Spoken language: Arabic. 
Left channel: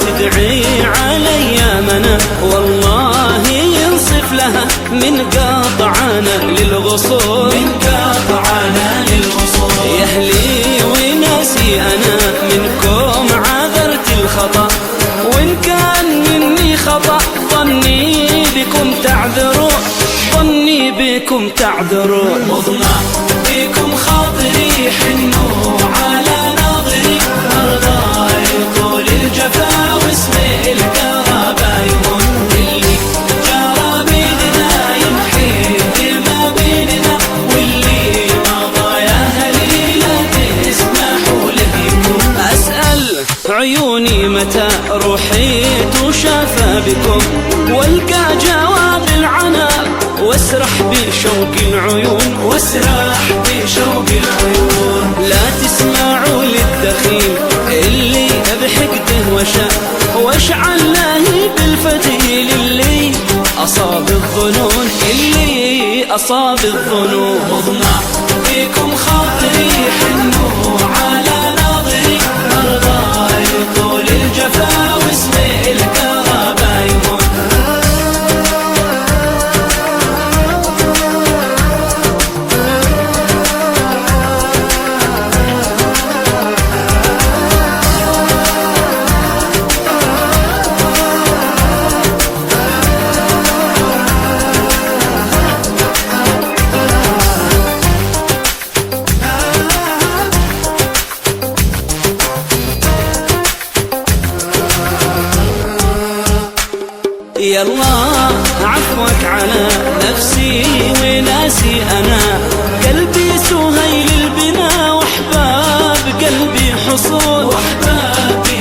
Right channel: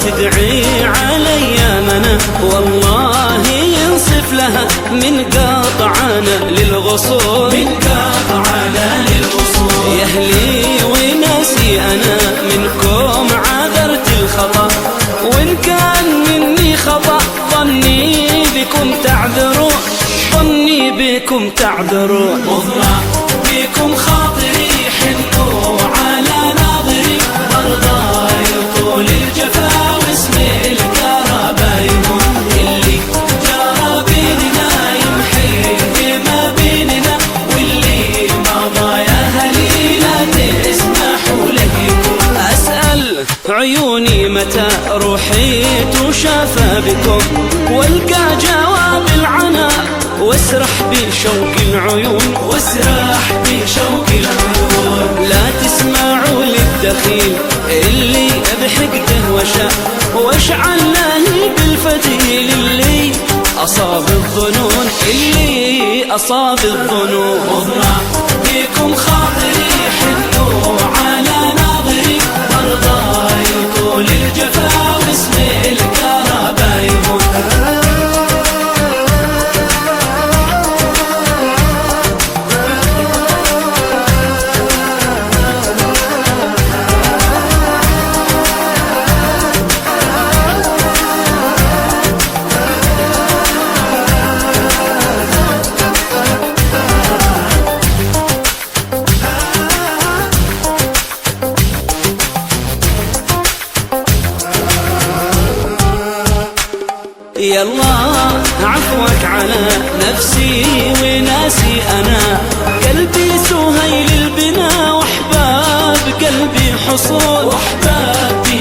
تدعي علي منى والله ينصف لها من قطعنا للغصون يا أهلي وناسي أنا منكم عذرت الخطأ وإن كان مني خطأ ظني بكم تعذرون ظني بكم تعذرون مضنع بكم خاطري حنوا على ناظري مرضى يطول الجفا واسم الكهربا يمر اللي جرى بيننا يمحي ما بيننا واللي مضى يا أهلي لا تسمحوا له يمر. أسأل عيوني متى روحيت وشافى بكم والقى جواب العنا واسرح بشوق العيون لا تسمعوا للدخيل اللي بحقده وشاء واشعل له بالفتيل اللي أصاب الظنون مضنع بكم خاطري حنوا على ناظري مرضى يطول الجفا واسم الكهربا يمر. يلا عفوك على نفسي وناسي أنا قلبي سهيل البنا وأحباب قلبي حصول